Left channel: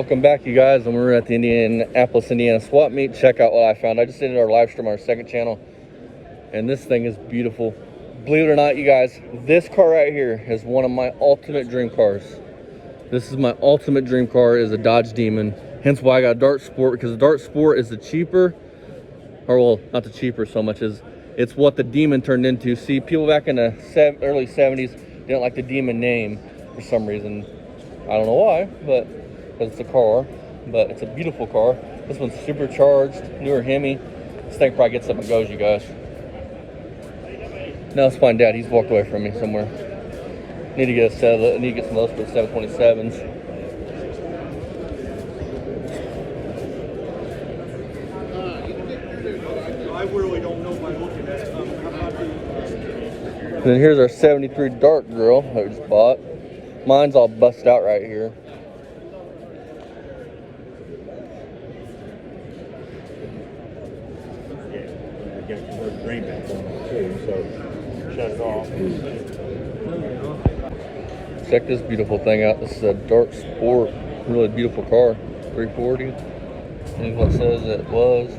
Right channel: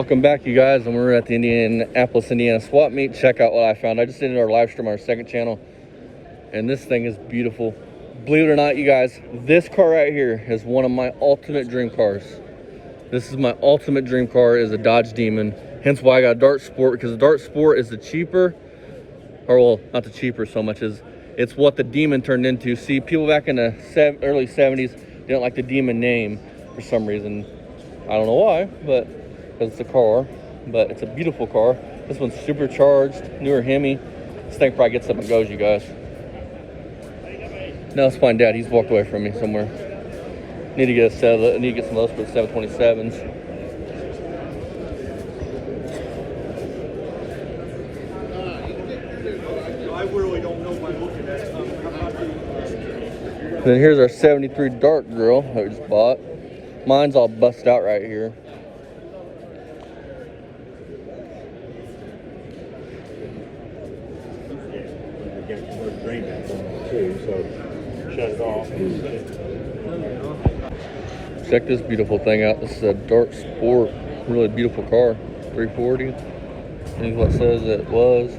Welcome back, you guys, and we're at the Indianapolis, Indiana swap meet. Check out what I found. I just did our live stream on our second channel, and this thing is beautiful. Believe it or not, you guys, this car right here is one of my ultimate dream cars. This is my ultimate dream car, is a Dodge Demon. Hence why I got a Dart Sport, because the Dart Sport is the cheaper, or well, not the cheaper so much as it's what the Demon turned into. See, people back in the early 70s didn't like the Demon name for some reason. I don't know why, but because it's a car, but it's a beautiful car. This one's supercharged, newer Hemi. This thing probably gets up and goes, you guys. Now let's find Dad. He's walked away from me somewhere. Need to get a set. I need to get some of those for the 727s. And then here's our 73 Dart grill that we just bought. Mine's all busted out right here. Check this beautiful thing out. This is a Dart Sport, really beautiful car. 340. And what it says it was.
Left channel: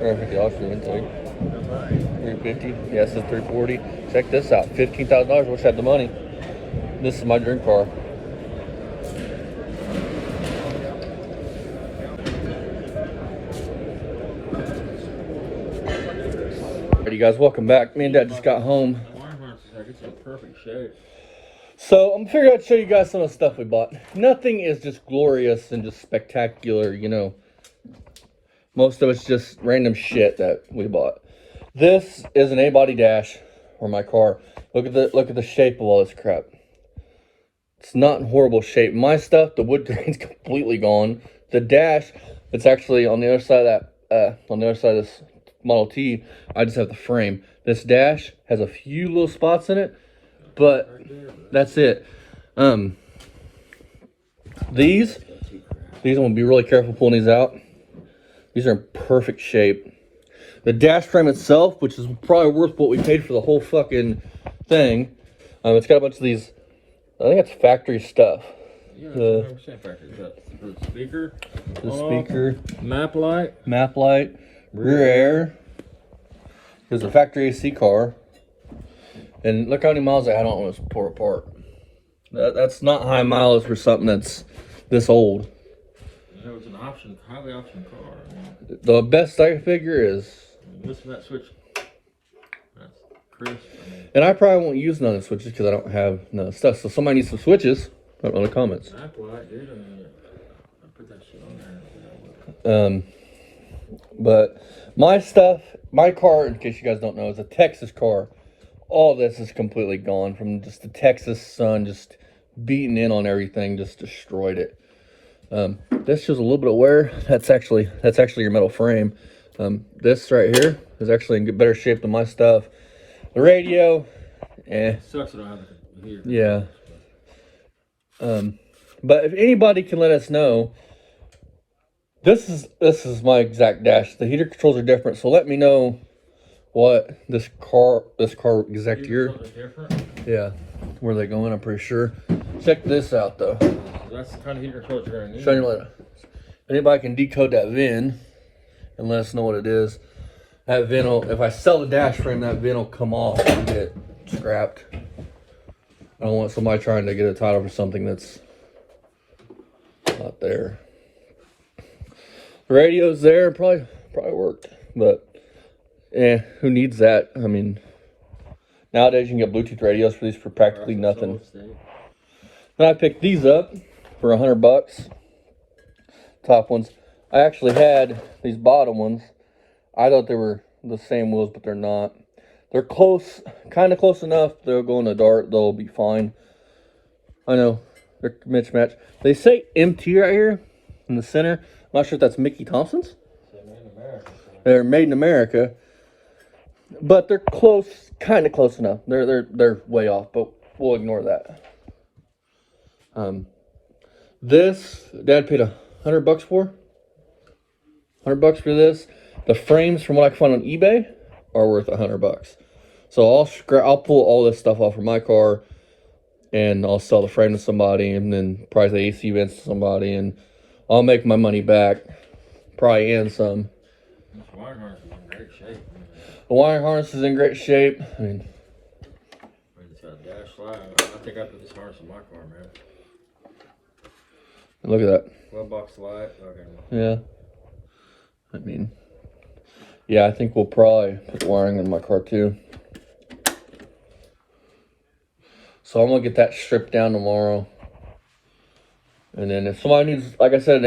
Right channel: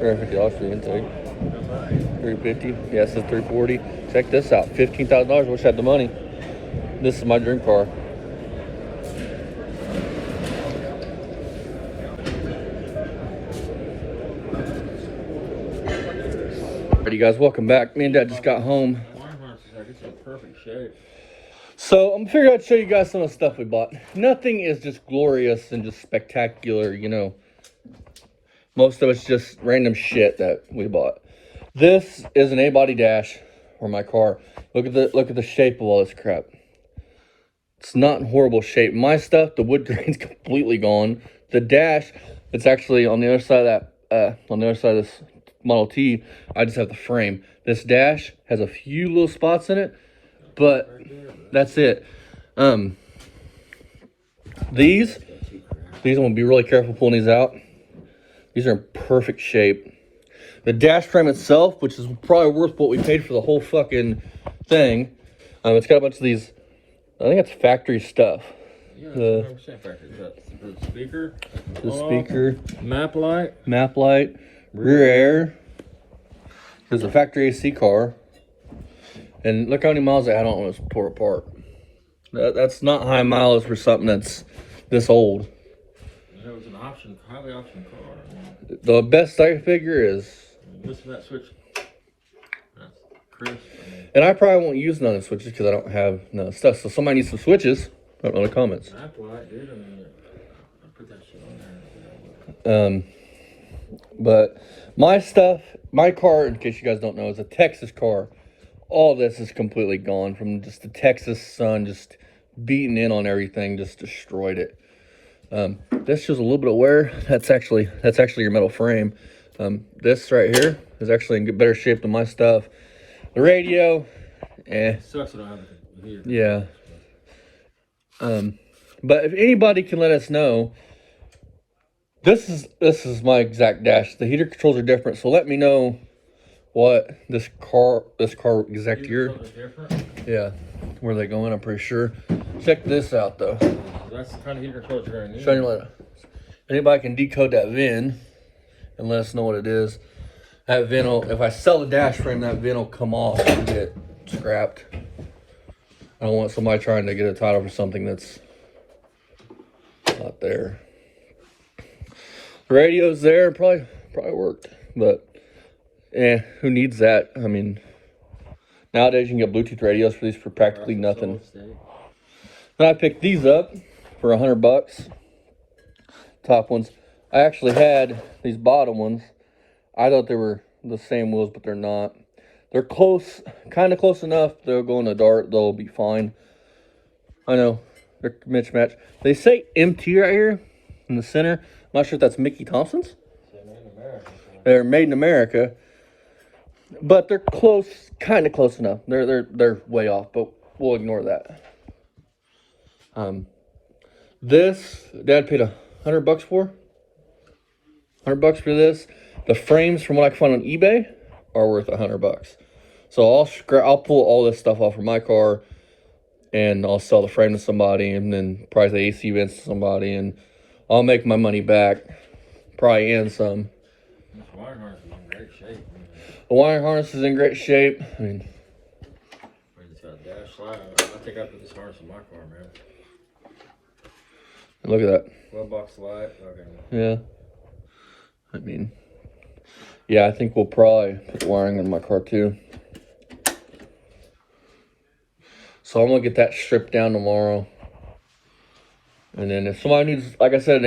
$350 for the intake. 350. Yeah, it says 340. Check this out. $15,000. Wish I had the money. This is my dream car. Alrighty, guys, welcome back. Me and Dad just got home. It's in perfect shape. So I'm figuring I'd show you guys some of the stuff we bought. Nothing is just glorious and just spectacular, you know. Most of it's just random shit that we bought. This is an A-body dash for my car. Look at the shape of all this crap. It's not in horrible shape. My stuff, the wood grain's completely gone. The dash, it's actually on the other side of that. On the other side of this Model T, I just have the frame. This dash has a few little spots in it, but that's it. These I'm gonna be really careful pulling these out. These are in perfect shape. The dash frame itself, which is probably worth what we paid for the whole fucking thing. It's got a bunch of these. I think it's factory stuff. Yeah, The speaker, map light, rear air. There's a factory AC car. And look how many miles I had on it when it was tore apart. That's not high mileage for something that's this old. That was an highly optioned car. The best I can figure is Missing that switch. That's crisp. and I probably won't use none of the switches because I don't have none of the stuff. So somebody needs some switches. Put it in the comments. Map light, dude. I put that shit on there. But my stuff, my car, in case you guys don't know, is a Texas car. All this is completely gone from just the Texas sun, just beating in on everything, just destroyed it. This shows a little bit of wear. That's actually your metal frame. This right here is actually in better shape than my stuff. The radio, Sucks that I don't have it here. yeah. But if anybody can let us know, this is my exact dash. The heater controls are different, so let me know what this car exact year. Yeah, where they going? I'm pretty sure. Check this out though. That's the kind of heater controls you're gonna need. Show you what. Anybody can decode that VIN and let us know what it is. That VIN will, if I sell the dash frame, that VIN will come off and get scrapped. I don't want somebody trying to get a title for something that's not there. The radio's there, probably worked, but who needs that? I mean, nowadays you can get Bluetooth radios for these for practically nothing. And I picked these up for $100. Top ones. I actually had these bottom ones. I thought they were the same wheels, but they're not. They're close, kind of close enough. They'll go in the Dart. They'll be fine. I know they're mismatch. They say MT right here in the center. I'm not sure if that's Mickey Thompson's. They're made in America, but they're close, kind of close enough. They're way off, but we'll ignore that. This Dad paid $100 for. $100 for this. The frames, from what I can find on eBay, are worth $100. So I'll pull all this stuff off of my car and I'll sell the frame to somebody, and then price the AC vents to somebody, and I'll make my money back, probably and some. This wiring harness is in great shape, man. The wiring harness is in great shape. I mean, It's got a dash slide. I think I put this harness in my car, man. look at that. $12 slide. Okay. Yeah. I mean, yeah, I think we'll probably put the wiring in my car too. So I'm gonna get that stripped down tomorrow. And then if somebody needs, like I said, an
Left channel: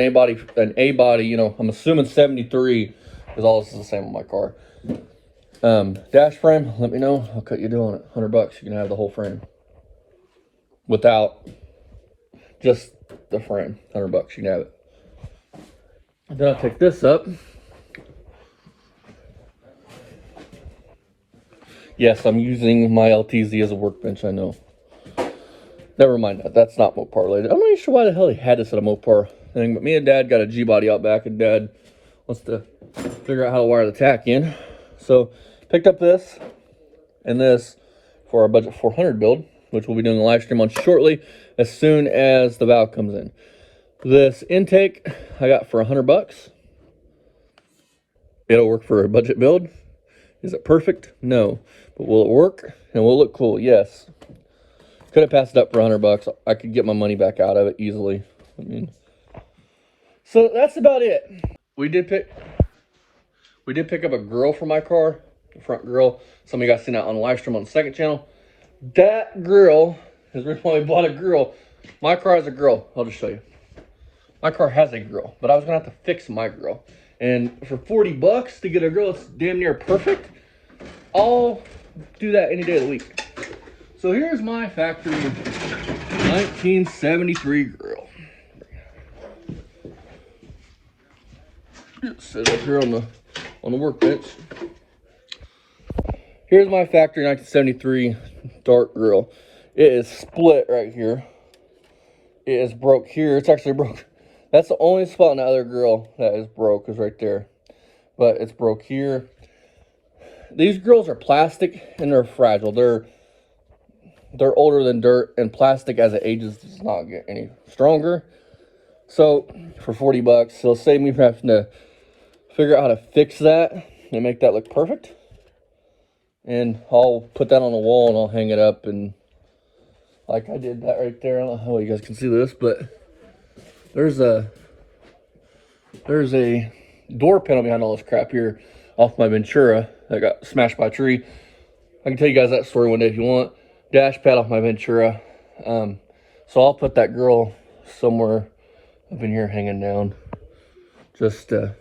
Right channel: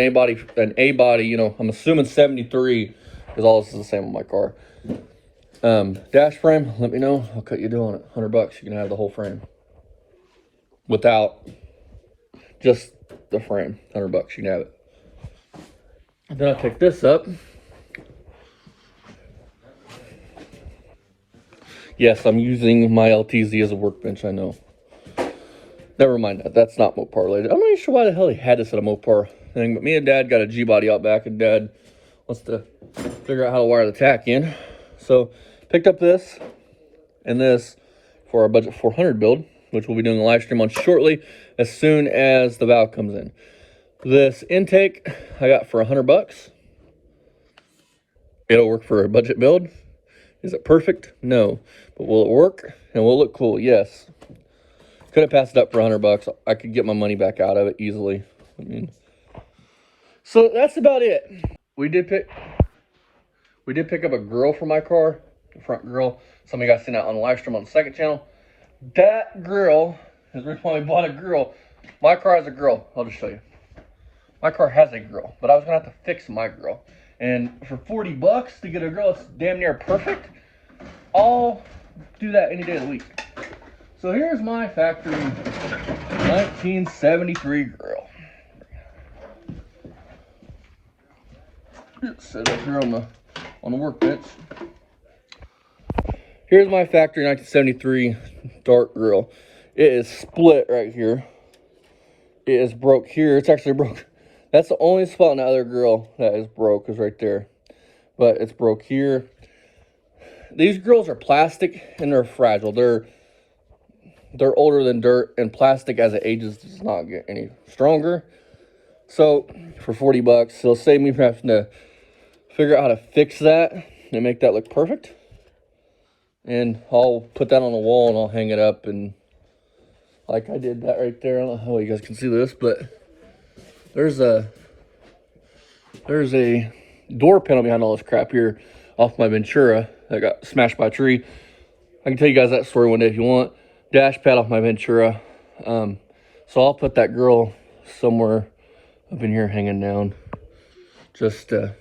A body, you know, I'm assuming 73, because all this is the same on my car. Dash frame, let me know. I'll cut you a deal on it. $100. You can have the whole frame. Without just the frame. $100. You can have it. And then I'll pick this up. Yes, I'm using my LTZ as a workbench, I know. Never mind that. That's not Mopar related. I'm not even sure why the hell they had this at a Mopar thing, but me and Dad got a G-body out back, and Dad wants to figure out how to wire the tack in. So, picked up this and this for our budget 400 build, which we'll be doing a live stream on shortly as soon as the valve comes in. This intake I got for $100. It'll work for a budget build. Is it perfect? No. But will it work? And will it look cool? Yes. Could have passed it up for $100. I could get my money back out of it easily. I mean, so that's about it. We did pick up a grill for my car, the front grill. Some of you guys seen that on the live stream on the second channel. That grill is the reason why we bought a grill. My car has a grill. I'll just show you. My car has a grill, but I was gonna have to fix my grill. And for $40 to get a grill, it's damn near perfect. I'll do that any day of the week. So here's my factory 1973 grill. Set it here on the workbench. Here's my factory 1973 dark grill. It is split right here. It is broke here. It's actually broke. That's the only spot on the other grill that is broke, is right there. But it's broke here. These grills are plastic and they're fragile. They're older than dirt, and plastic as it ages does not get any stronger. So for $40, it'll save me from having to figure out how to fix that and make that look perfect. And I'll put that on the wall and I'll hang it up, and like I did that right there. I don't know how you guys can see this, but there's a door panel behind all this crap here off my Ventura that got smashed by a tree. I can tell you guys that story one day if you want. Dash pad off my Ventura. So I'll put that grill somewhere up in here hanging down. Just as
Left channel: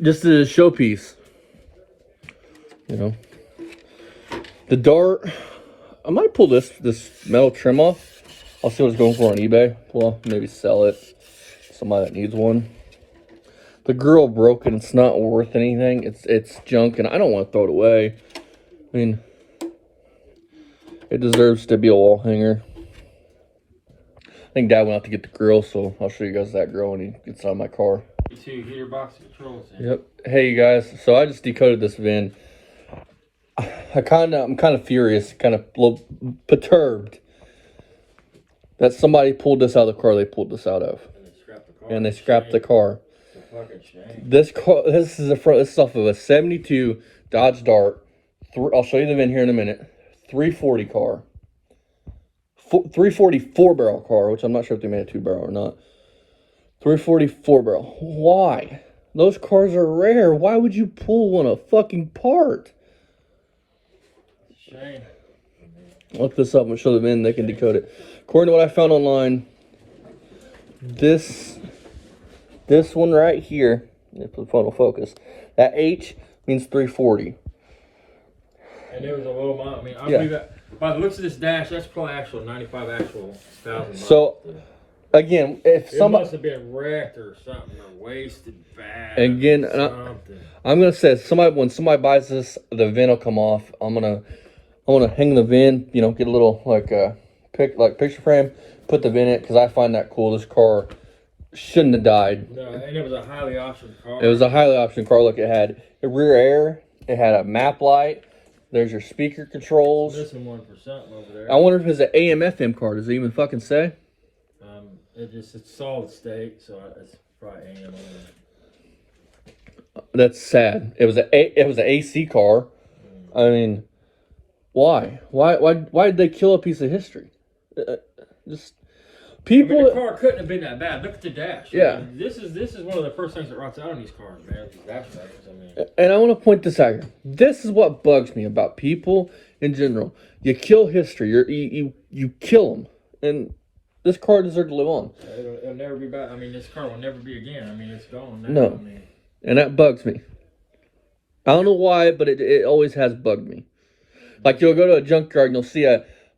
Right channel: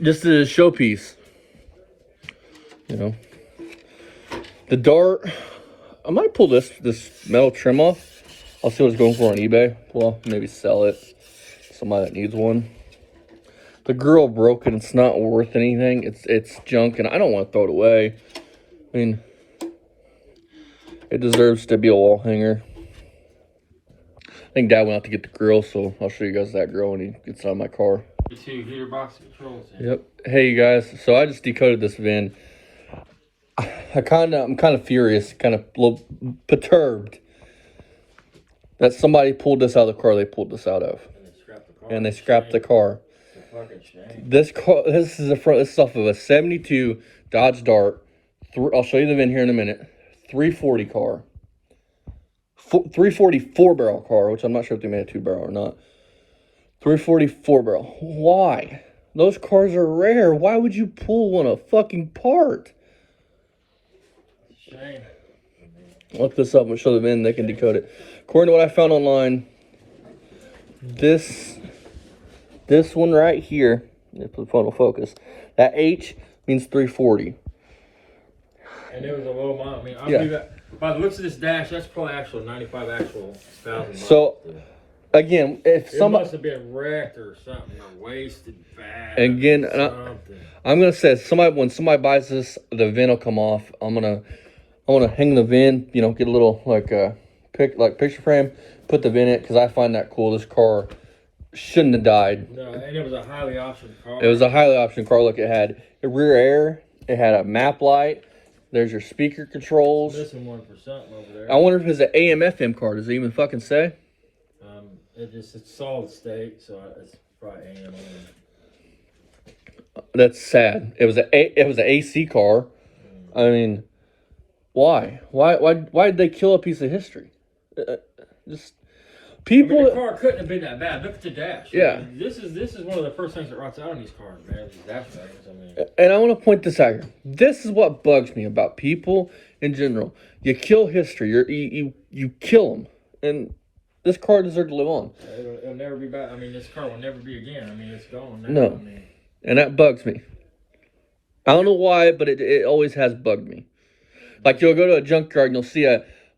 a showpiece. You know. The dart, I might pull this metal trim off. I'll see what it's going for on eBay. Well, maybe sell it to somebody that needs one. The grill broken. It's not worth anything. It's junk, and I don't want to throw it away. I mean, it deserves to be a wall hanger. I think Dad went out to get the grill, so I'll show you guys that grill when he gets out of my car. You see heater box controls in. Yep. Hey, you guys. So I just decoded this VIN. I'm kind of furious, kind of a little perturbed that somebody pulled this out of the car they pulled this out of. And they scrapped the car. This car, this is off of a 72 Dodge Dart. I'll show you the VIN here in a minute. 340 car. 340 4-barrel car, which I'm not sure if they made a 2-barrel or not. 340 4-barrel. Why? Those cars are rare. Why would you pull one fucking apart? Shame. Look this up and show the VIN. They can decode it. According to what I found online, this one right here, if the phone will focus, that H means 340. And it was a low amount. I mean, I Yeah. believe that. By the looks of this dash, that's probably actual 95 actual thousand. So, again, if it somebody must have been wrecked or something, or wasted bad. Again, something. I'm gonna say when somebody buys this, the VIN will come off. I want to hang the VIN. You know, get a little picture frame, put the VIN in it, because I find that cool. This car shouldn't have died. No, and it was a highly optioned car. It was a highly optioned car. Look, it had a rear air. It had a map light. There's your speaker controls. Missing one for something over there. I wonder if it's an AM/FM car. Does it even fucking say? It's solid state, so it's probably AM. That's sad. It was an AC car. I mean, why? Why did they kill a piece of history? Just people. I mean, the car couldn't have been that bad. Look at the dash. Yeah. I mean, this is one of the first things that runs out on these cars, man. These dash cams. I mean, And I want to point this out here. This is what bugs me about people in general. You kill history. You kill them, and this car deserves to live on. it'll never be back. I mean, this car will never be again. I mean, it's gone now. No. I mean, And that bugs me. I don't know why, but it always has bugged me. Like, you'll go to a junkyard and you'll see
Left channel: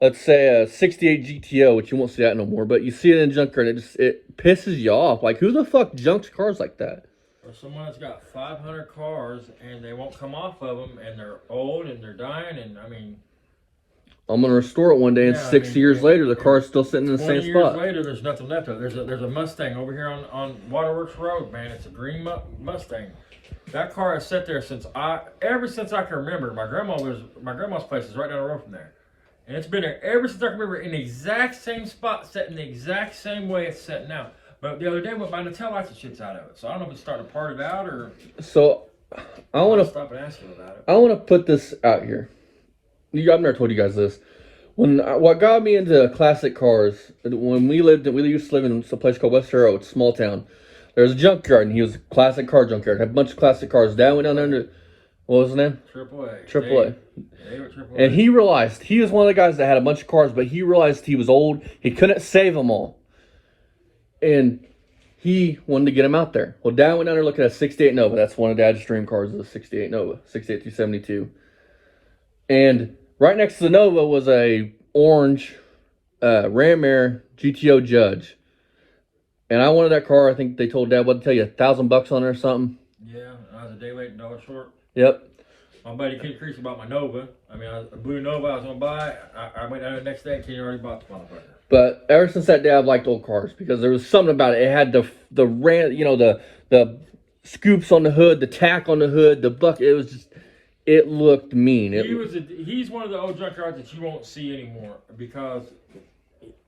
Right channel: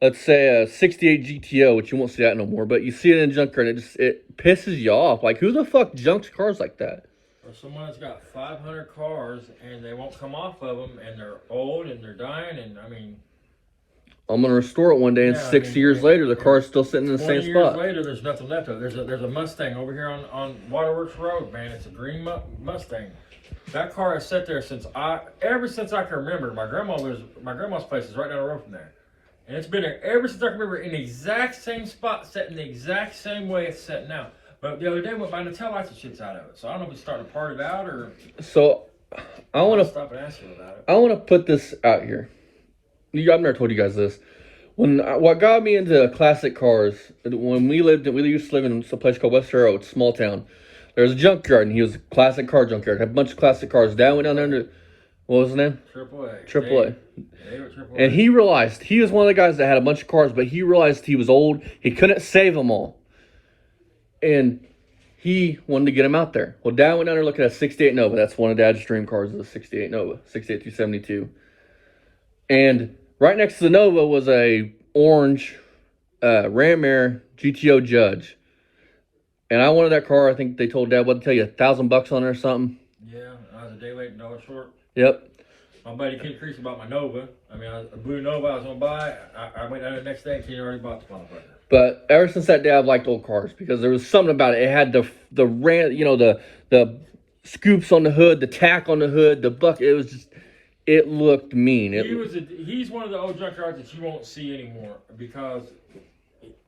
let's say a 68 GTO, which you won't see that no more, but you see it in a junkyard and it pisses you off. Like, who the fuck junks cars like that? or someone that's got 500 cars and they won't come off of them, and they're old and they're dying, and I mean, I'm going to restore it one day, and 6 years later, the car's still sitting in the same 20 years spot. later, there's nothing left of it. There's a Mustang over here on Waterworks Road, man. It's a green Mustang. That car has sat there ever since I can remember. My grandma's place is right down the road from there, and it's been there ever since I can remember, in the exact same spot, set in the exact same way it's set now. But the other day, went by and the tail lights and shit's out of it. So I don't know if it's starting to part it out or. So, I want to stop and ask you about it. I want to put this out here. I've never told you guys this. What got me into classic cars, when we used to live in some place called West Arrow, it's a small town. There was a junkyard, and he was a classic car junkyard. Had a bunch of classic cars. Dad went down there to, what was his name? AAA. And he realized, he was one of the guys that had a bunch of cars, but he realized he was old. He couldn't save them all. And he wanted to get them out there. Well, Dad went down there looking at a 68 Nova. That's one of Dad's dream cars, is a 68 Nova, 68 272. And right next to the Nova was a orange Ram Air GTO Judge. And I wanted that car. I think they told Dad, what to tell you, $1,000 on it or something? Yeah, I was a day late and dollar short. Yep. My buddy Kid Crease about my Nova. I mean, a blue Nova I was going to buy. I went down the next day and Kenny already bought the motherfucker. But ever since that day, I've liked old cars because there was something about it. It had the scoops on the hood, the tack on the hood, the bucket. It was just, it looked mean. He's one of the old junkyards that you won't see anymore, because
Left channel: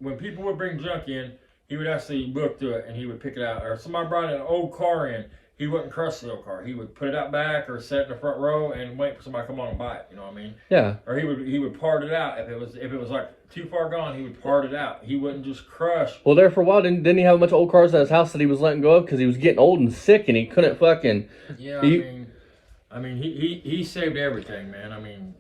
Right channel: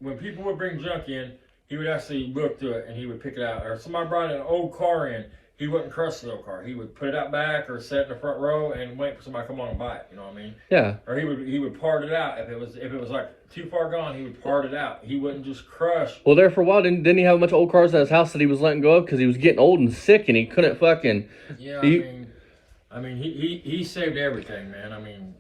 when people would bring junk in, he would actually look through it and he would pick it out. Or somebody brought an old car in, he wouldn't crush the old car. He would put it out back or set in the front row and wait for somebody to come on and buy it. You know what I mean? Yeah. Or he would part it out. If it was like too far gone, he would part it out. He wouldn't just crush. Well, there for a while, didn't he have a bunch of old cars at his house that he was letting go of because he was getting old and sick and he couldn't fucking. Yeah, I mean, he saved everything, man. I mean,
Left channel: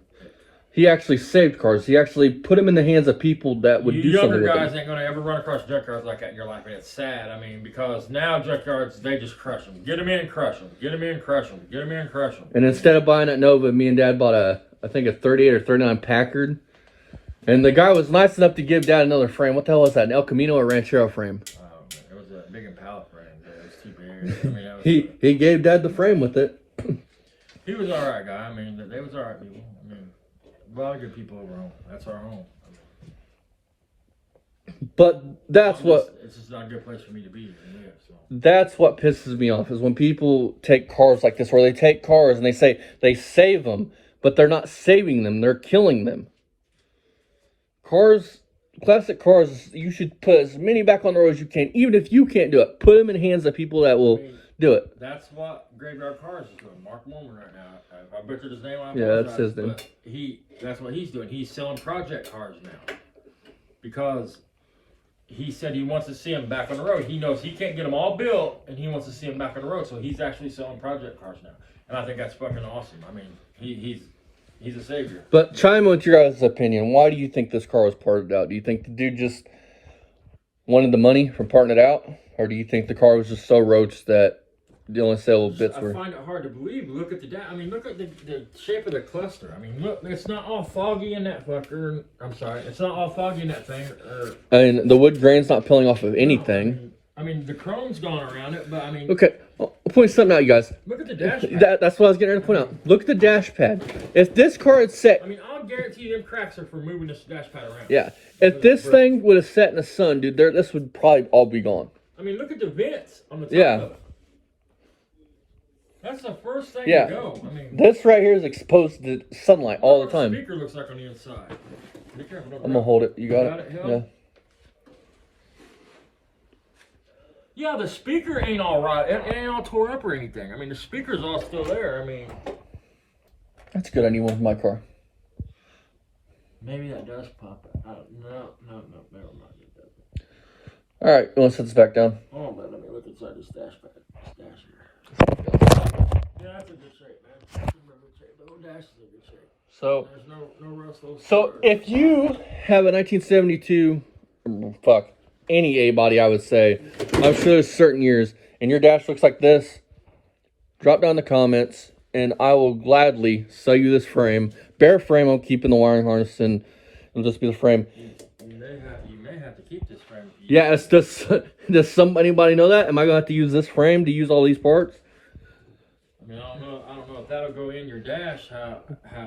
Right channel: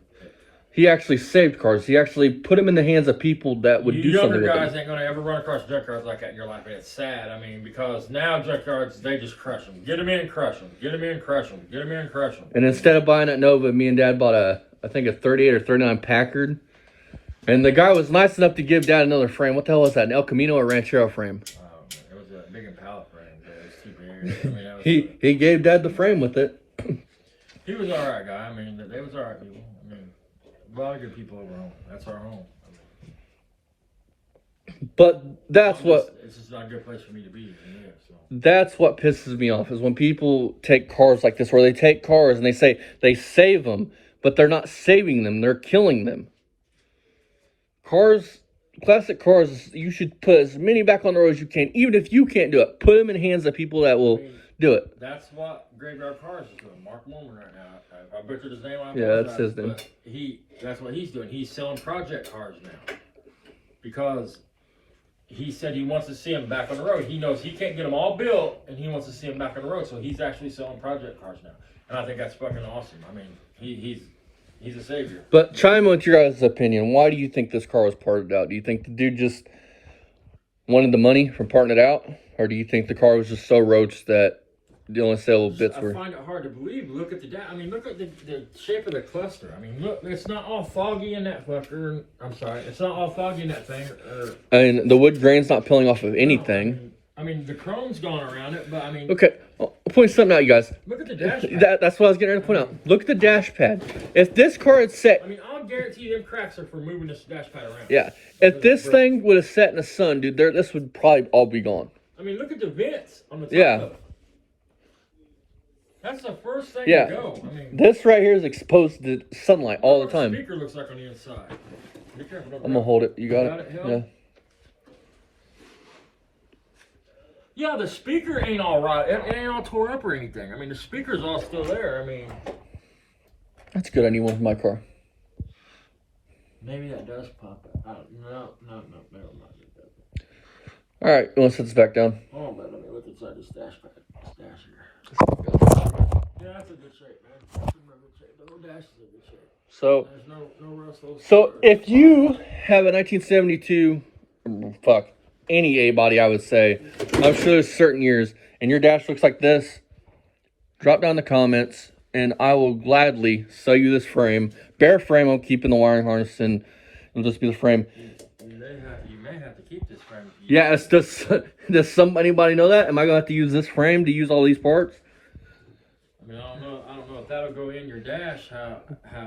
he actually saved cars. He actually put them in the hands of people that would do something with them. Younger guys ain't going to ever run across junkyards like that in your life, and it's sad. I mean, because now junkyards, they just crush them. Get them in and crush them. Get them in and crush them. Get them in and crush them. And instead of buying that Nova, me and Dad bought I think a 38 or 39 Packard. And the guy was nice enough to give Dad another frame. What the hell was that? An El Camino or Ranchero frame? Oh, man. It was a big Impala frame. It was too big. I mean, he gave Dad the frame with it. He was all right, guy. I mean, they was all right people. I mean, a lot of good people over home. That's our home. I mean, but that's it's just not a good place for me to be and live. So that's what pisses me off is when people take cars like this, where they take cars and they say they save them, but they're not saving them; they're killing them. Cars, classic cars, you should put as many back on the road as you can. Even if you can't do it, put them in the hands of people that will do it. That's what Graveyard Cars is doing. Mark Mormon right now. I butchered his name. Yeah, that's his name. But that's what he's doing. He's selling project cars now, because he said he wants to see them back on the road. He knows he can't get them all built, and he wants to see them back on the road. So he's actually selling project cars now, and I think that's fucking awesome. I mean, he's a savior. But chime in with your guys' opinion. Why do you think this car was parted out? Do you think the dude just wanted the money from parting it out, or do you think the car was just so roached that the only saleable bits were? I find it hard to believe. Look at look at the shape of the cluster. I mean, look, it's not all foggy in that fucker. I'm sorry, it's not all foggy in that thing. I mean, the wood grain's not peeling off of anything. No, I mean, the chrome's gone around it, but I mean. Okay, I'll point something out, you guys. Look at the dash pad. That's what I was getting ready to point out. Look at the dash pad. If this car had set... I mean, I'll guarantee them cracks are for moving this dash pad around. Yeah. If this thing would have set in the sun, dude, this would probably all be gone. I mean, look at the vents on the top of it. That's the first thing Yeah. to go. I mean, This right here is exposed to sunlight all the what the time. speaker looks like on the inside. Be careful. Don't I'm drop gonna hold it. You got Got it? it, Yeah. Yeah, the speaker ain't all right. It ain't all tore up or anything. I mean, the speaker's all still there. I mean, That's good. I need one for my car. maybe that does pop out. No, never mind. It doesn't. All right, let's set this back down. Oh, but let me look inside this dash here. Yeah, that's in good shape, man. That's in real good shape. The whole dash is in good shape. So, There's no rust. so if you have a 1972, any A body, I would say, I'm sure there's certain years, and your dash looks like this, drop down in the comments, and I will gladly sell you this frame. Bare frame, I'm keeping the wiring harness, and it'll just be the frame. You may have to keep this frame. Yeah, it's just, does anybody know that? Am I going to have to use this frame to use all these parts? I mean, I don't know if that'll go in your dash. How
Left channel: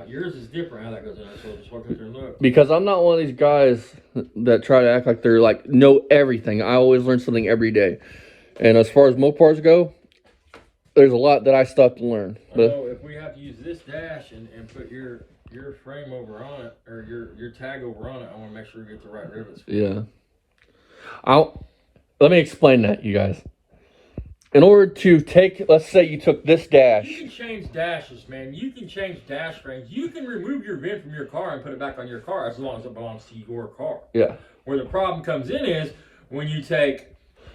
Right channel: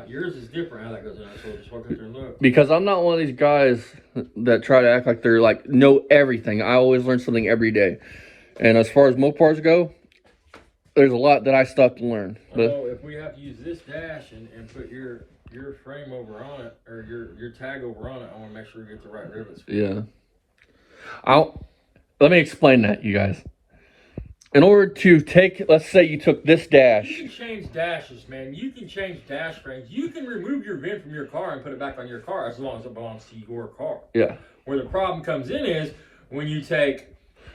yours is different. How that goes in. So just walk up there and look. Because I'm not one of these guys that try to act like they're like know everything. I always learn something every day. And as far as Mopars go, there's a lot that I still have to learn. But if we have to use this dash and put your frame over on it, or your tag over on it, I want to make sure we get the right rivets. yeah, let me explain that, you guys. In order to take, let's say you took this dash. You can change dashes, man. You can change dash frames. You can remove your VIN from your car and put it back on your car as long as it belongs to your car. Yeah. Where the problem comes in is when you take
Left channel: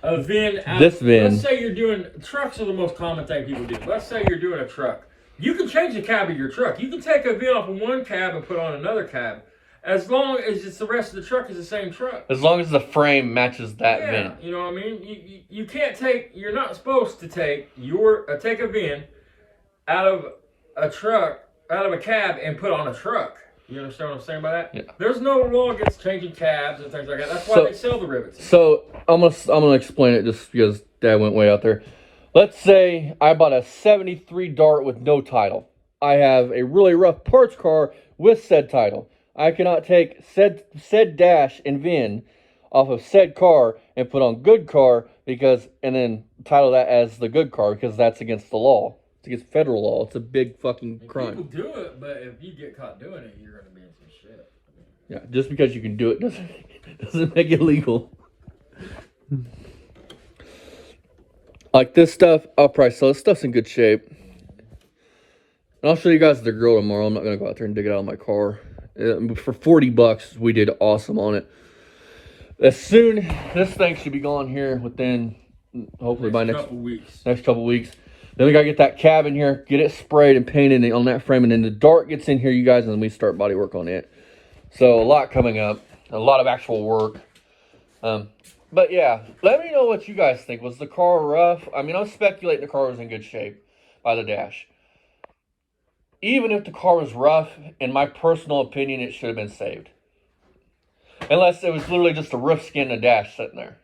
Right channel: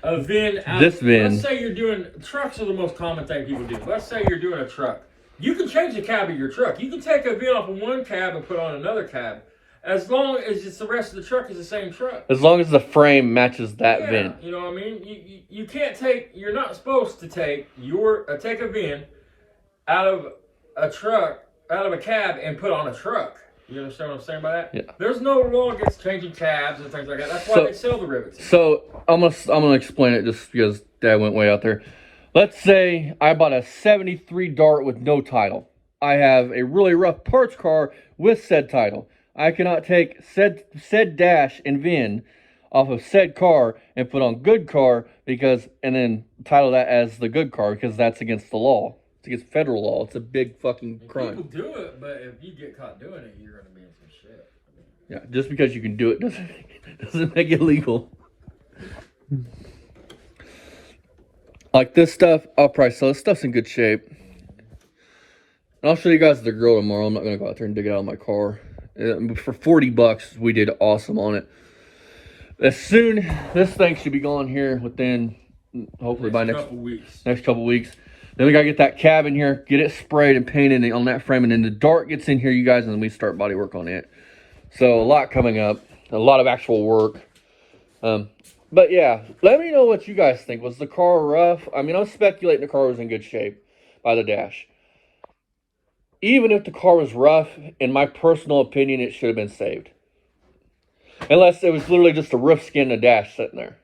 a VIN out. This VIN. Let's say you're doing, trucks are the most common thing people do. Let's say you're doing a truck. You can change the cab of your truck. You can take a VIN off of one cab and put on another cab. As long as it's the rest of the truck is the same truck. As long as the frame matches that yeah, VIN. you know what I mean? You can't take, you're not supposed to take take a VIN out of a truck, out of a cab and put on a truck. You understand what I'm saying by that? Yeah. There's no law against changing cabs and things like that. That's why they sell the rivets. So I'm gonna explain it just because Dad went way out there. Let's say I bought a 73 Dart with no title. I have a really rough parts car with said title. I cannot take said dash and VIN off of said car and put on good car and then title that as the good car because that's against the law. It's against federal law. It's a big fucking crime. People do it, but if you get caught doing it, you're going to be in some shit. Yeah, just because you can do it doesn't make it legal. Like this stuff, I'll probably sell. This stuff's in good shape. And I'll show you guys the grill tomorrow. I'm not going to go out there and dig it out of my car. For $40, we did awesome on it. This thing should be gone here within, hopefully by next couple weeks. Then we got to get that cab in here, get it sprayed and painted on that frame. And then the Dart gets in here, you guys, and then we start body work on it. So a lot coming up, a lot of actual work. But yeah, let me know what you guys think. Was the car rough? I mean, I'm speculating the car was in good shape by the dash. Even if the car was rough, in my personal opinion, it should have been saved. Unless it was literally just a roof skin and a dash sitting there.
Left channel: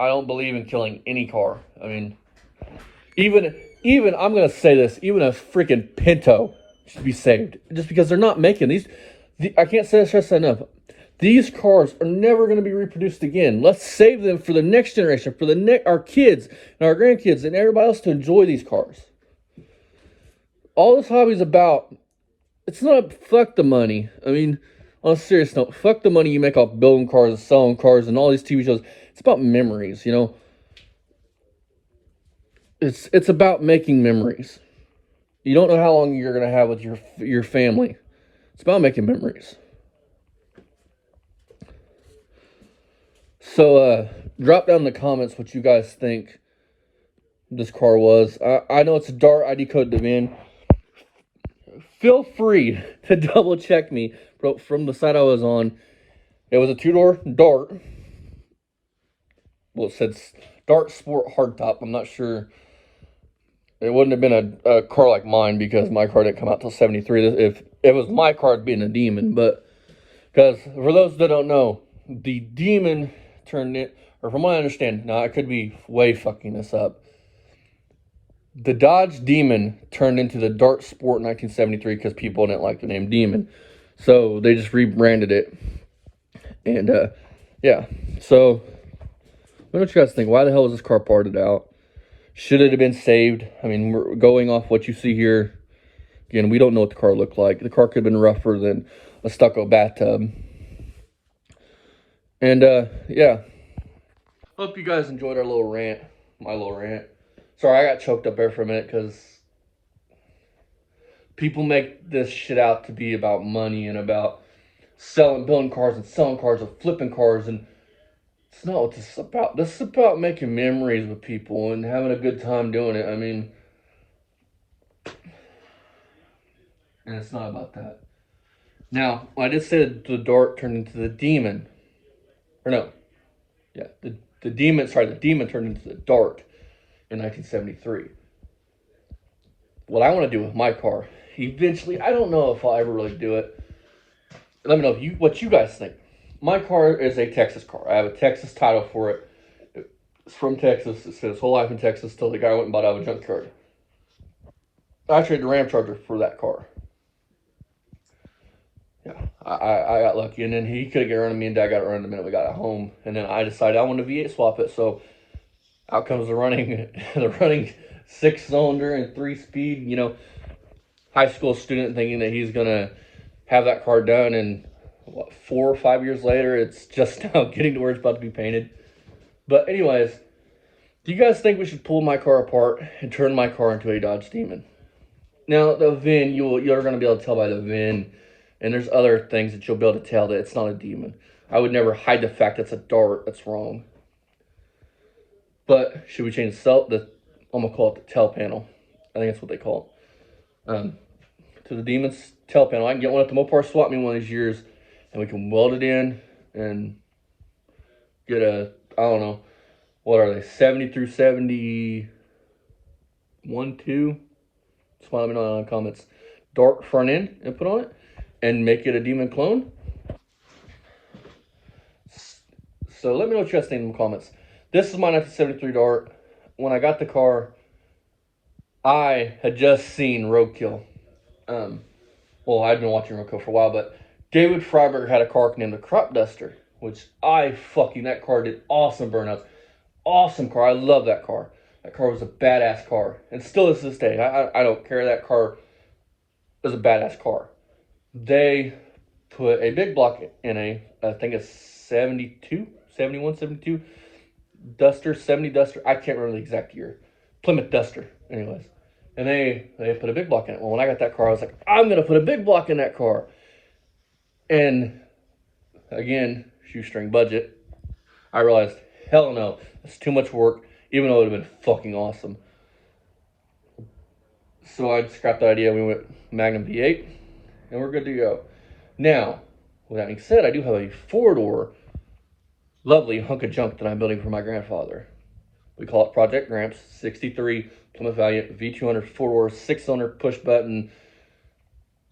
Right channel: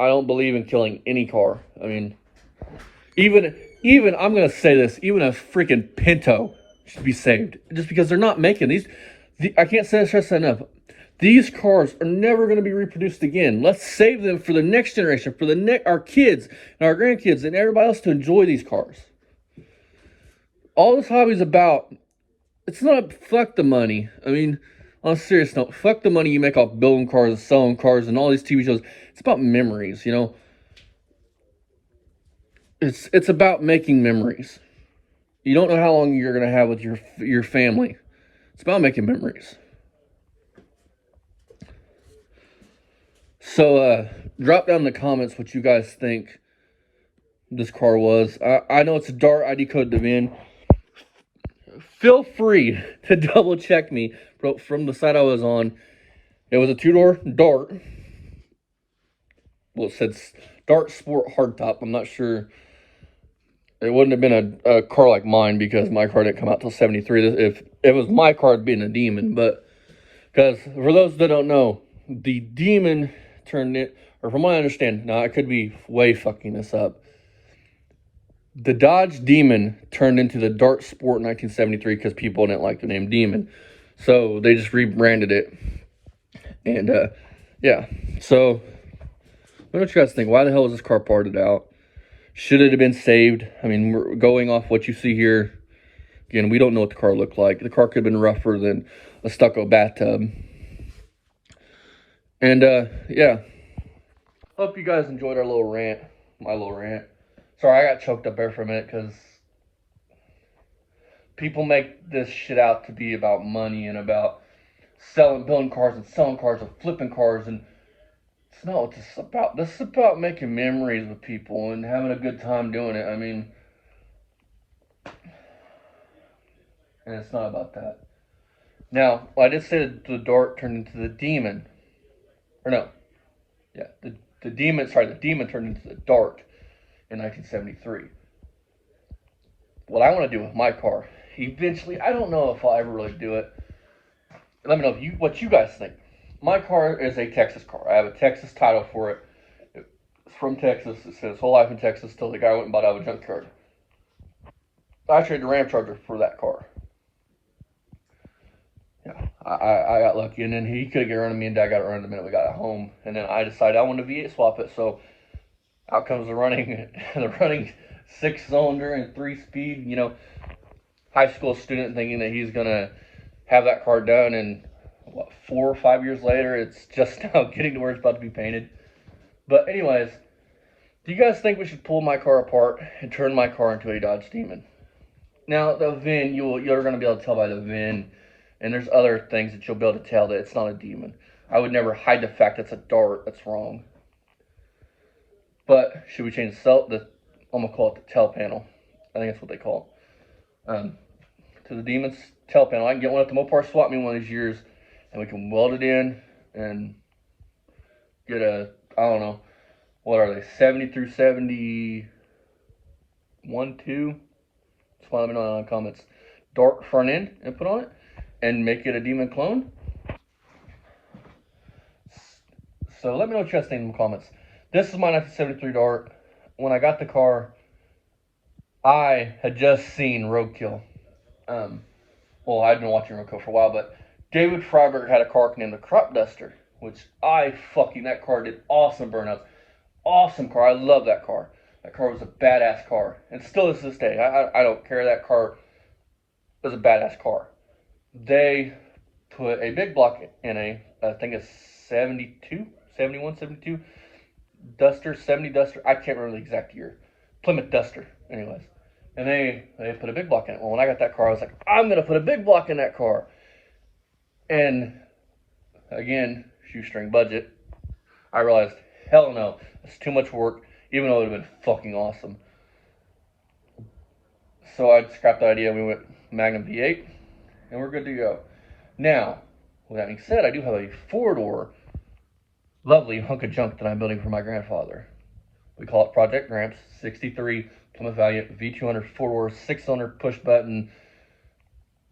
I don't believe in killing any car. I mean, even I'm going to say this, even a freaking Pinto should be saved. Just because they're not making these. I can't say this enough. These cars are never going to be reproduced again. Let's save them for the next generation, for our kids and our grandkids and everybody else to enjoy these cars. All this hobby is about, it's not fuck the money. I mean, on a serious note, fuck the money you make off building cars and selling cars and all these TV shows. It's about memories, you know. It's about making memories. You don't know how long you're going to have with your family. It's about making memories. So, drop down in the comments what you guys think this car was. I know it's a Dart. I decoded the VIN. Feel free to double check me from the site I was on. It was a two-door Dart. Well, it said Dart Sport Hardtop. I'm not sure. It wouldn't have been a car like mine because my car didn't come out till 73. If it was my car, it'd been a Demon. But because for those that don't know, the Demon turned it, or from what I understand, now I could be way fucking this up. The Dodge Demon turned into the Dart Sport in 1973 because people didn't like the name Demon. So they just rebranded it. And, yeah. So, what do you guys think? Why the hell was this car parted out? Should it have been saved? I mean, we're going off what you see here. Again, we don't know what the car looked like. The car could have been rougher than a stucco bathtub. And yeah, hope you guys enjoyed our little rant, my little rant. Sorry, I got choked up there for a minute because people make this shit out to be about money and about building cars and selling cars and flipping cars, and it's not what this is about. This is about making memories with people and having a good time doing it. I mean, and it's not about that. Now, I did say that the dart turned into the demon. Or no. Yeah, the demon turned into the dart in 1973. What I want to do with my car, eventually, I don't know if I'll ever really do it. Let me know what you guys think. My car is a Texas car. I have a Texas title for it. It's from Texas. It says his whole life in Texas till the guy went and bought it out of a junkyard. I traded the Ram Charger for that car. Yeah, I got lucky, and then he couldn't get around to me, and Dad got around the minute we got home, and then I decided I wanted to V8 swap it. So out comes the running 6-cylinder and 3-speed. You know, high school student thinking that he's gonna have that car done, and what, 4 or 5 years later, it's just now getting to where it's about to be painted. But anyways, do you guys think we should pull my car apart and turn my car into a Dodge Demon? Now, the VIN, you're going to be able to tell by the VIN, and there's other things that you'll be able to tell that it's not a Demon. I would never hide the fact it's a dart. That's wrong. But should we change I'm going to call it the tail panel. I think that's what they call it. To the Demon's tail panel. I can get one at the Mopar swap meet one of these years, and we can weld it in and get a, I don't know, what are they, 70 through 71, 2? Just let me know in the comments. Dark front end and put on it, and make it a Demon clone. So let me know what you guys think in the comments. This is my 1973 Dart. When I got the car, I had just seen Roadkill. Well, I'd been watching Roadkill for a while, but David Freiberger had a car named the Crop Duster, which that car did awesome burnouts. Awesome car. I love that car. That car was a badass car, and still is this day. I don't care. That car was a badass car. They put a big block in I think it's 72, 71, 72 Duster, 70 Duster. I can't remember the exact year. Plymouth Duster, anyways. And they put a big block in it. Well, when I got that car, I was like, I'm going to put a big block in that car. And again, shoestring budget. I realized, hell no, it's too much work, even though it would have been fucking awesome. So I scrapped the idea. We went Magnum V8, and we're good to go. Now, with that being said, I do have a 4-door, lovely hunk of junk that I'm building for my grandfather. We call it Project Gramps, 63 Plymouth Valiant V200 4-door, 6-cylinder push button,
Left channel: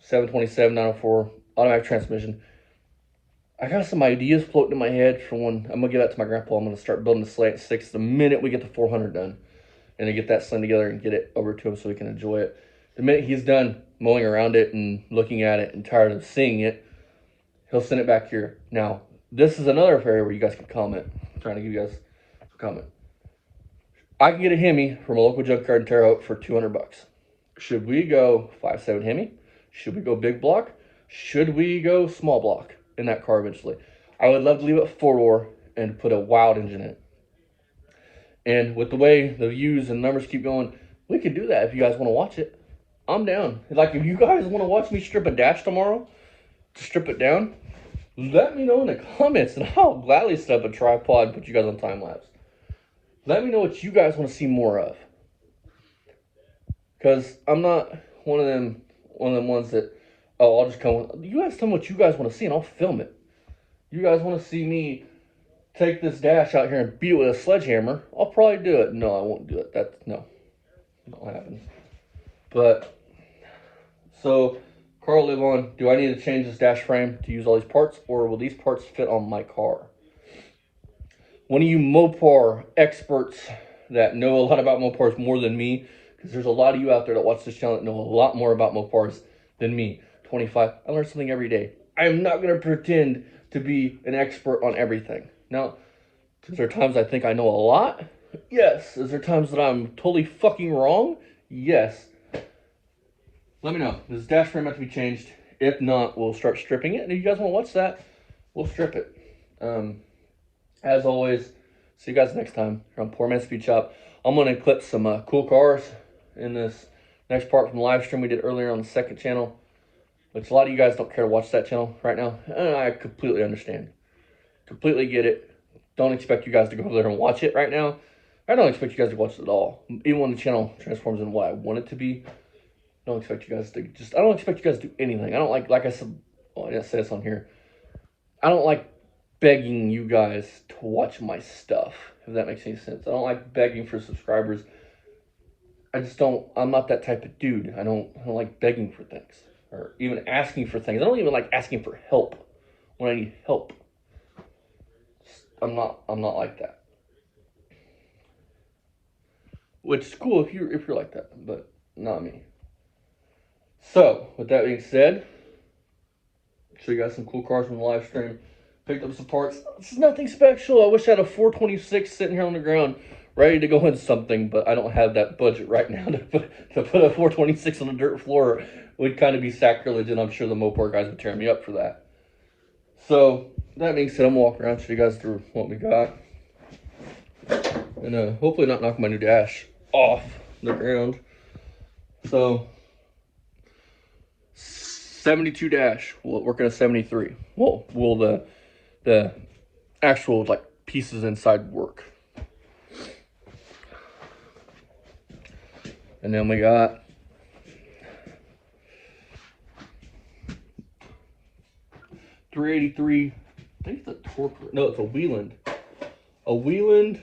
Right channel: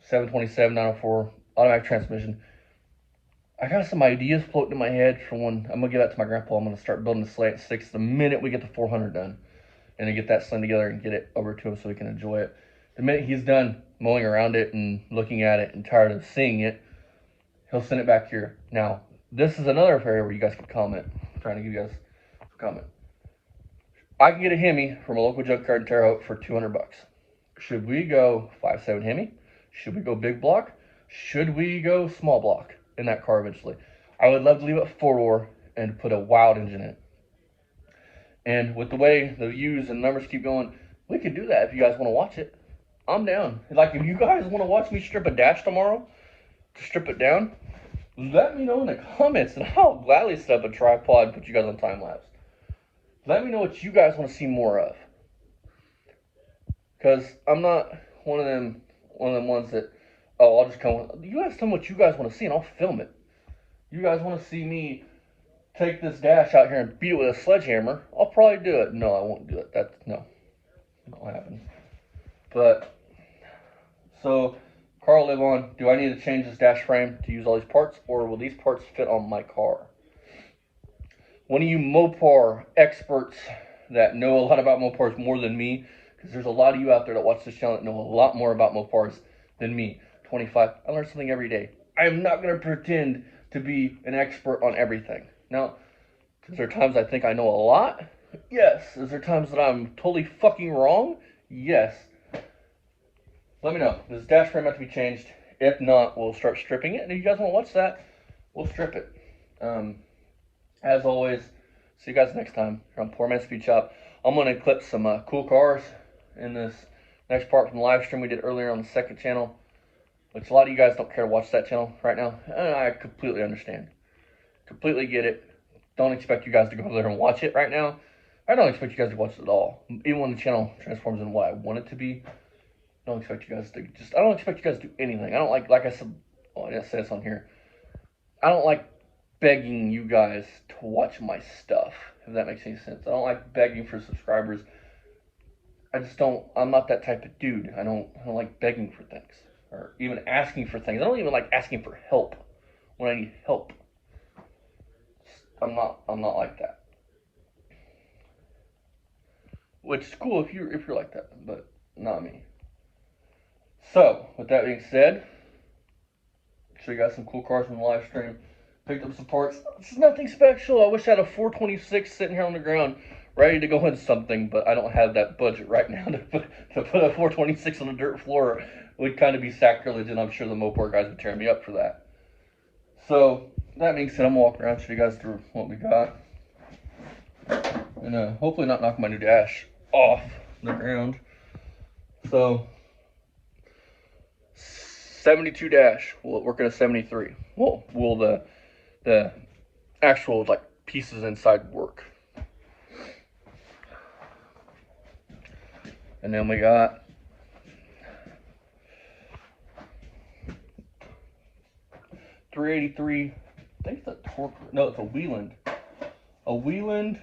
727 904 automatic transmission. I got some ideas floating in my head for when I'm gonna give that to my grandpa. I'm gonna start building the Slant 6 the minute we get the 400 done, and to get that slung together and get it over to him so he can enjoy it. The minute he's done mowing around it and looking at it and tired of seeing it, he'll send it back here. Now, this is another area where you guys can comment. I'm trying to give you guys a comment. I can get a Hemi from a local junkyard in Terre Haute for $200. Should we go 5.7 Hemi? Should we go big block? Should we go small block in that car eventually? I would love to leave it 4-door and put a wild engine in it. And with the way the views and numbers keep going, we could do that if you guys want to watch it. I'm down. Like, if you guys want to watch me strip a dash tomorrow, strip it down, let me know in the comments, and I'll gladly set up a tripod and put you guys on time lapse. Let me know what you guys want to see more of. Because I'm not one of them ones that, oh, I'll just come. You guys tell me what you guys want to see, and I'll film it. You guys want to see me take this dash out here and beat it with a sledgehammer? I'll probably do it. No, I won't do it. No, not what happens. But, so, car will live on. Do I need to change this dash frame to use all these parts, or will these parts fit on my car? One of you Mopar experts that know a lot about Mopars more than me, because there's a lot of you out there that watch this channel that know a lot more about Mopars than me. 25, I learn something every day. I am not going to pretend to be an expert on everything. Now, because there are times I think I know a lot, Yes. Is there times that I'm totally fucking wrong? Yes. Let me know. Does the dash frame have to be changed? If not, we'll start stripping it. And if you guys want to watch that, we'll strip it. As always, see you guys next time here on Poor Man's Speed Shop. I'm going to clip some cool cars in this next part from the live stream we did earlier on the second channel, which a lot of you guys don't care to watch that channel right now. And I completely understand. Completely get it. Don't expect you guys to go there and watch it right now. I don't expect you guys to watch it at all. Even when the channel transforms into what I want it to be, I don't expect you guys to I don't expect you guys to do anything. I don't like I said, well, I didn't say this on here. I don't like begging you guys to watch my stuff, if that makes any sense. I don't like begging for subscribers. I'm not that type of dude. I don't like begging for things or even asking for things. I don't even like asking for help when I need help. I'm not like that. Which is cool if you're like that, but not me. So, with that being said, show you guys some cool cars from the live stream. Picked up some parts. This is nothing special. I wish I had a 426 sitting here on the ground ready to go into something, but I don't have that budget right now to put a 426 on the dirt floor. It would kind of be sacrilege, and I'm sure the Mopar guys would tear me up for that. So, that being said, I'm going to walk around and show you guys through what we got. And hopefully not knock my new dash off the ground. So, 72 dash, working a 73. Well, will the actual like pieces inside work? And then we got .383. I think it's a torque. No, it's a Wieland. A Wieland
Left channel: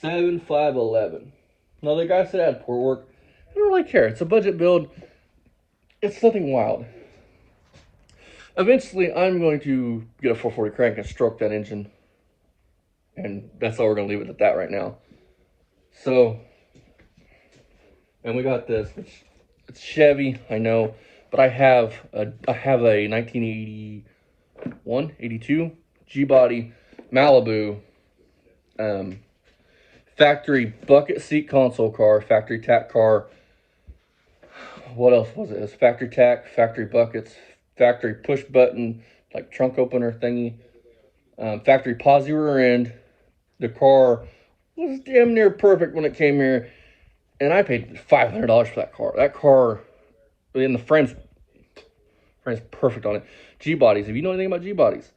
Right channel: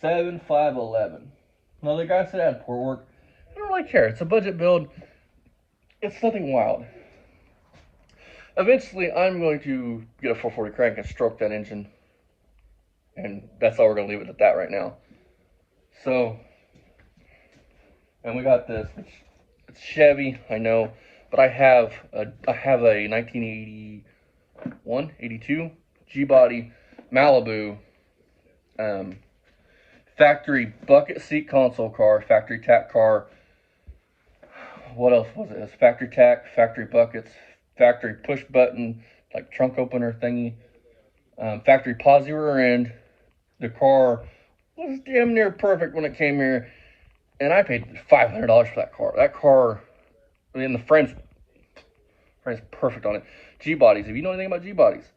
7511. Now the guy said I had poor work. I don't really care. It's a budget build. It's nothing wild. Eventually, I'm going to get a 440 crank and stroke that engine. And that's how we're going to leave it at that right now. So, and we got this, which it's Chevy, I know, but I have a 1981, 82 G-body Malibu factory bucket seat console car, factory tack car. What else was it? It was factory tack, factory buckets, factory push button, like trunk opener thingy, factory posi rear end. The car was damn near perfect when it came here, and I paid $500 for that car. That car, and the frame's perfect on it. G-bodies, if you know anything about G-bodies,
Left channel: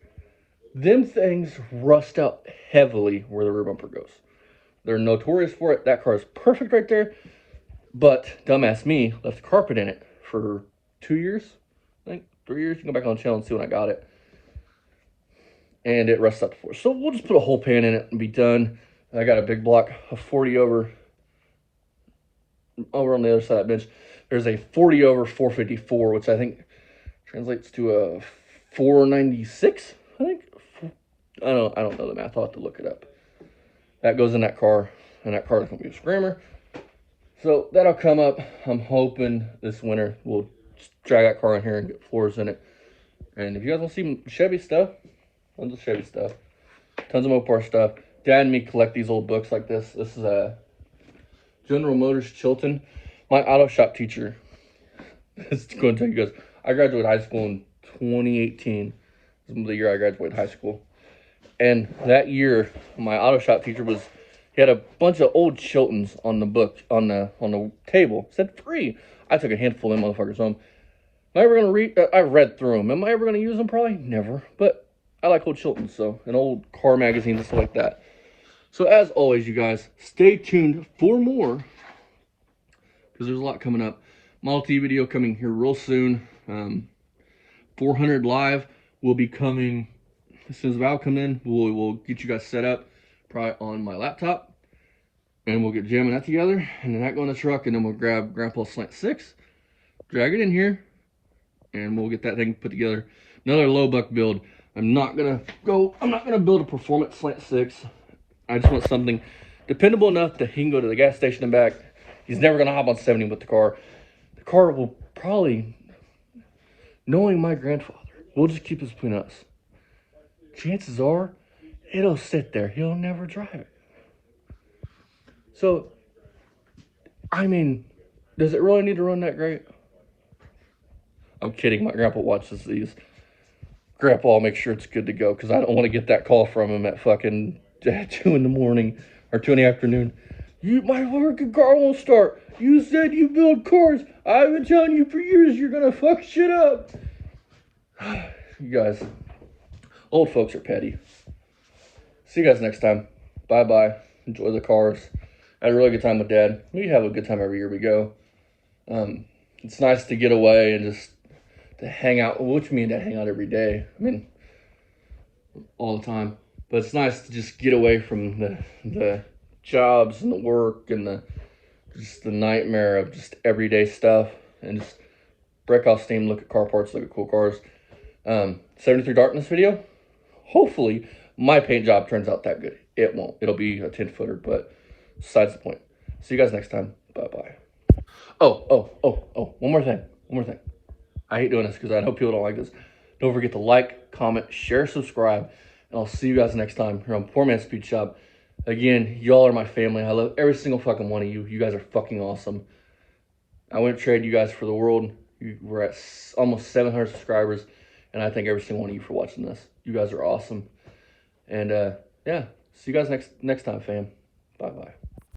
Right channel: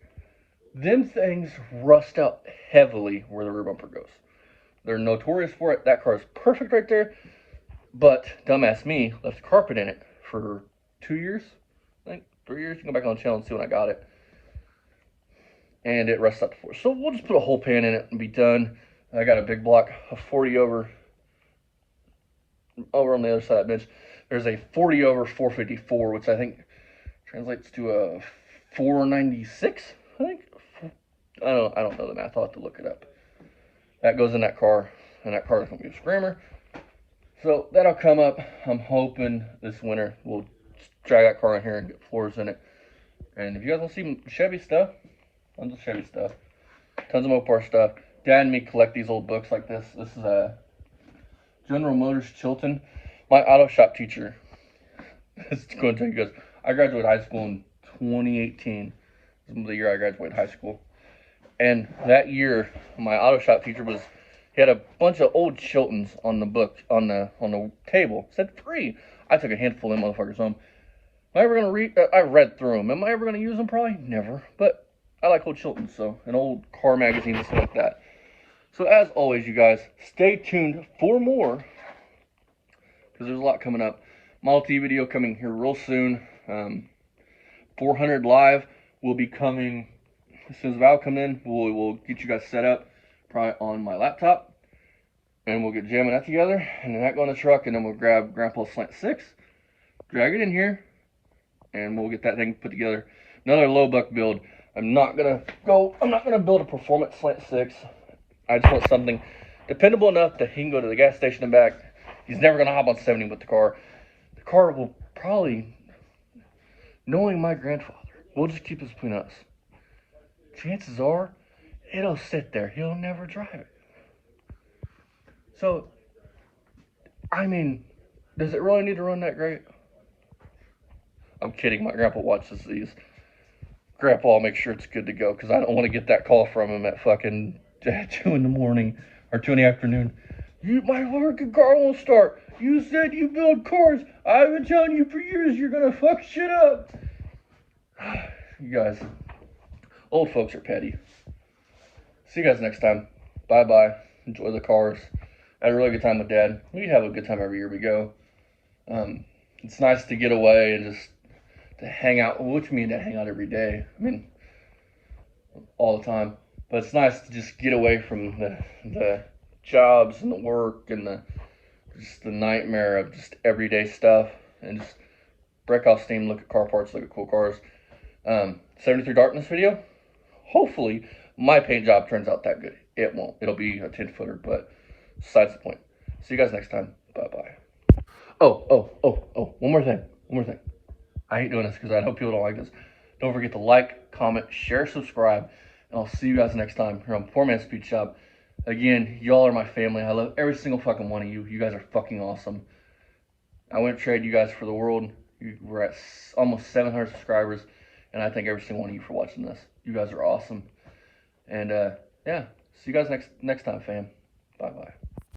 them things rust out heavily where the rear bumper goes. They're notorious for it. That car is perfect right there. But dumbass me left the carpet in it for 2 years, I think 3 years. You can go back on the channel and see when I got it. And it rusts out the floor. So we'll just put a whole pan in it and be done. I got a big block of 40 over on the other side of that bench. There's a 40 over 454, which I think translates to a 496, I think. I don't know the math. I'll have to look it up. That goes in that car, and that car is going to be a screamer. So that'll come up. I'm hoping this winter we'll just drag that car in here and get floors in it. And if you guys want to see Chevy stuff, tons of Chevy stuff, tons of Mopar stuff. Dad and me collect these old books like this. This is a General Motors Chilton. My auto shop teacher is going to tell you guys, I graduated high school in 2018. This is the year I graduated high school. And that year, my auto shop teacher he had a bunch of old Chiltons on the book, on the table. It said free. I took a handful of them motherfuckers home. Am I ever going to read? I read through them. Am I ever going to use them? Probably never. But I like old Chiltons, so, and old car magazines and stuff like that. So as always, you guys, stay tuned for more, because there's a lot coming up. Model T video coming here real soon. 400 live will be coming as soon as Val come in. We'll get you guys set up, probably on my laptop, and we'll get jamming that together, and then that go in the truck, and then we'll grab Grandpa's Slant 6, drag it in here, and we'll get that thing put together. Another low buck build. I'm not gonna build a performance Slant 6. I just want something dependable enough that he can go to the gas station and back. He's never gonna hop on 70 with the car. The car will probably, knowing my grandfather, we'll just keep this between us. Chances are, it'll sit there. He'll never drive it. So, I mean, does it really need to run that great? I'm kidding. My grandpa watches these. Grandpa will make sure it's good to go because I don't want to get that call from him at fucking 2 in the morning or 2 in the afternoon. My fucking car won't start. You said you build cars. I've been telling you for years you're going to fuck shit up. You guys, old folks are petty. See you guys next time. Bye-bye. Enjoy the cars. I had a really good time with Dad. We have a good time every year we go. It's nice to get away and just to hang out, which me and Dad hang out every day. I mean, all the time. But it's nice to just get away from the jobs and the work and just the nightmare of just everyday stuff and just break off steam, look at car parts, look at cool cars. 73 Dart in this video. Hopefully, my paint job turns out that good. It won't. It'll be a 10-footer, but besides the point. See you guys next time. Bye-bye. Oh, one more thing. I hate doing this because I know people don't like this. Don't forget to like, comment, share, subscribe, and I'll see you guys next time here on Poor Man's Speed Shop. Again, y'all are my family. I love every single fucking one of you. You guys are fucking awesome. I wouldn't trade you guys for the world. We're at almost 700 subscribers, and I thank every single one of you for watching this. You guys are awesome. And yeah, see you guys next time, fam. Bye-bye.